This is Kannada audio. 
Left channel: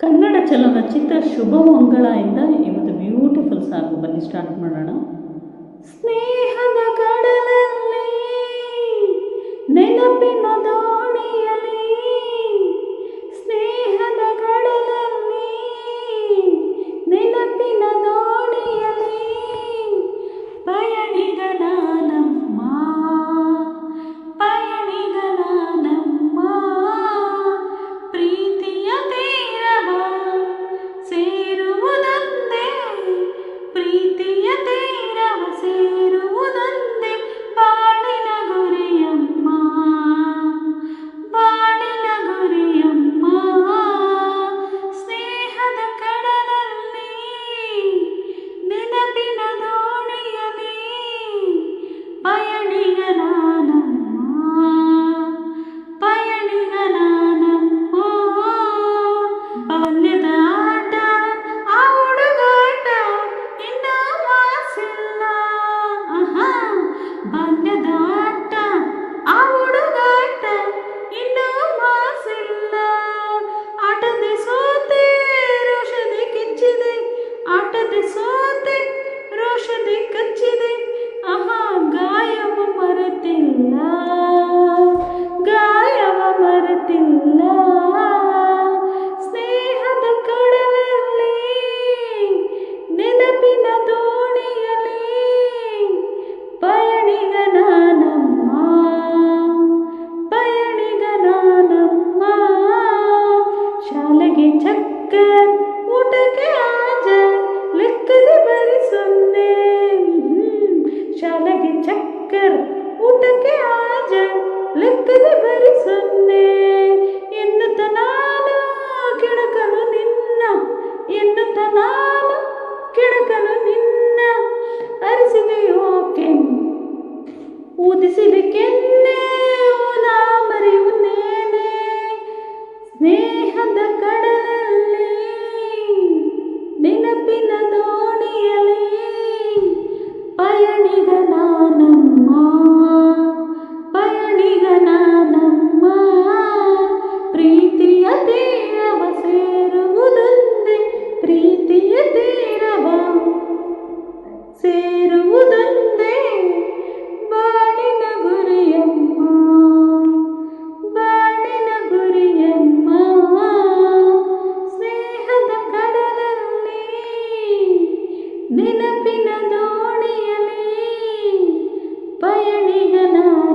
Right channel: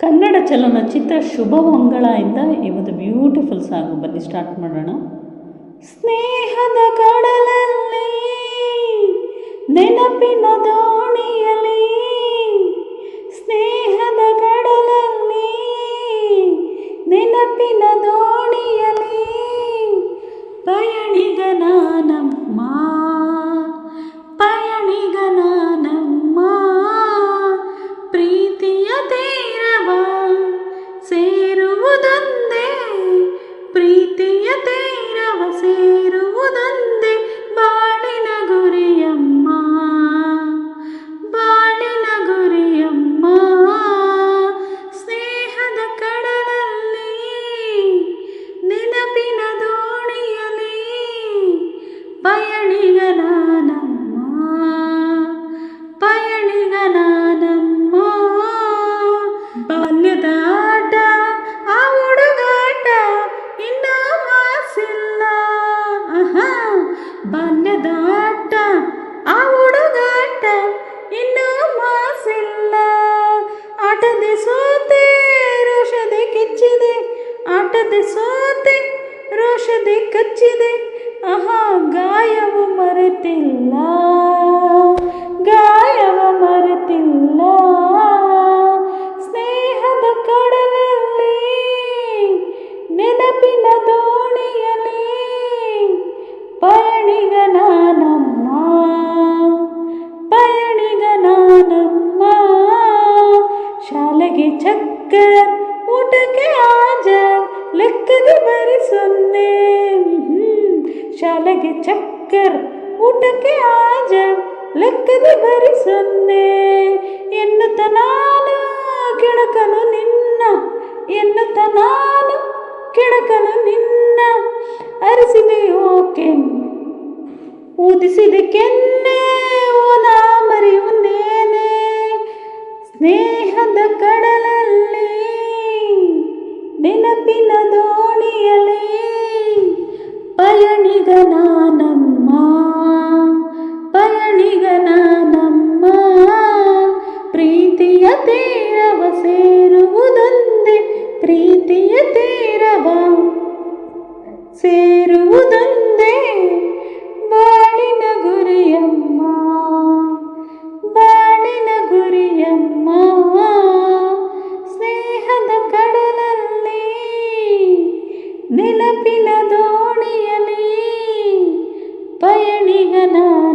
ಕನ್ನಡ ಚಲನಚಿತ್ರ ಶುಭ ಮಂಗಳ ಇಂದ ಇವತ್ತು ಬ್ಯೂಟಿಫುಲ್ ಸಾಂಗ್. ಬನ್ನಿ ಸ್ಟಾರ್ಟ್ ಮಾಡೋಣ. ಸ್ನೇಹದ ಕಡಲಲ್ಲಿ, ನೆನಪಿನ ದೋಣಿಯಲ್ಲಿ, ಸ್ನೇಹದ ಕಡಲಲ್ಲಿ, ನೆನಪಿನ ದೋಣಿಯಲಿ ಬಾಲ್ಯದ ಆಟ ಆ ಹುಡುಗಾಟ ಇನ್ನ ಮಾಸಿಲ್ಲ ಆಹಾ. ಶಾಲೆಗೆ ಚಕ್ಕರ್, ಊಟಕ್ಕೆ ಆಜ ಲೆಕ್ಕದ ಬರಿ ಸೊನ್ನೆ. ಎನ್ನುತ್ತ ನಾನು ಕೆಳಕನು ನಿನ್ನ, ಎನ್ನುತ್ತ ನಾನು ಕೆಳಕನು ನಿನ್ನ. ಅರಿಸಿದೆಯೋ ಕೆನ್ ಊದಿಸಿದ ಕೆನ್ನೆ ಓನ ಮರೆಯುವುದೇನೆ ಸ್ನೇಹದ ಕಡಲಲ್ಲಿ ನೆನಪಿನ ದೋಣಿಯಲಿ అలనిగనానమ్మా ना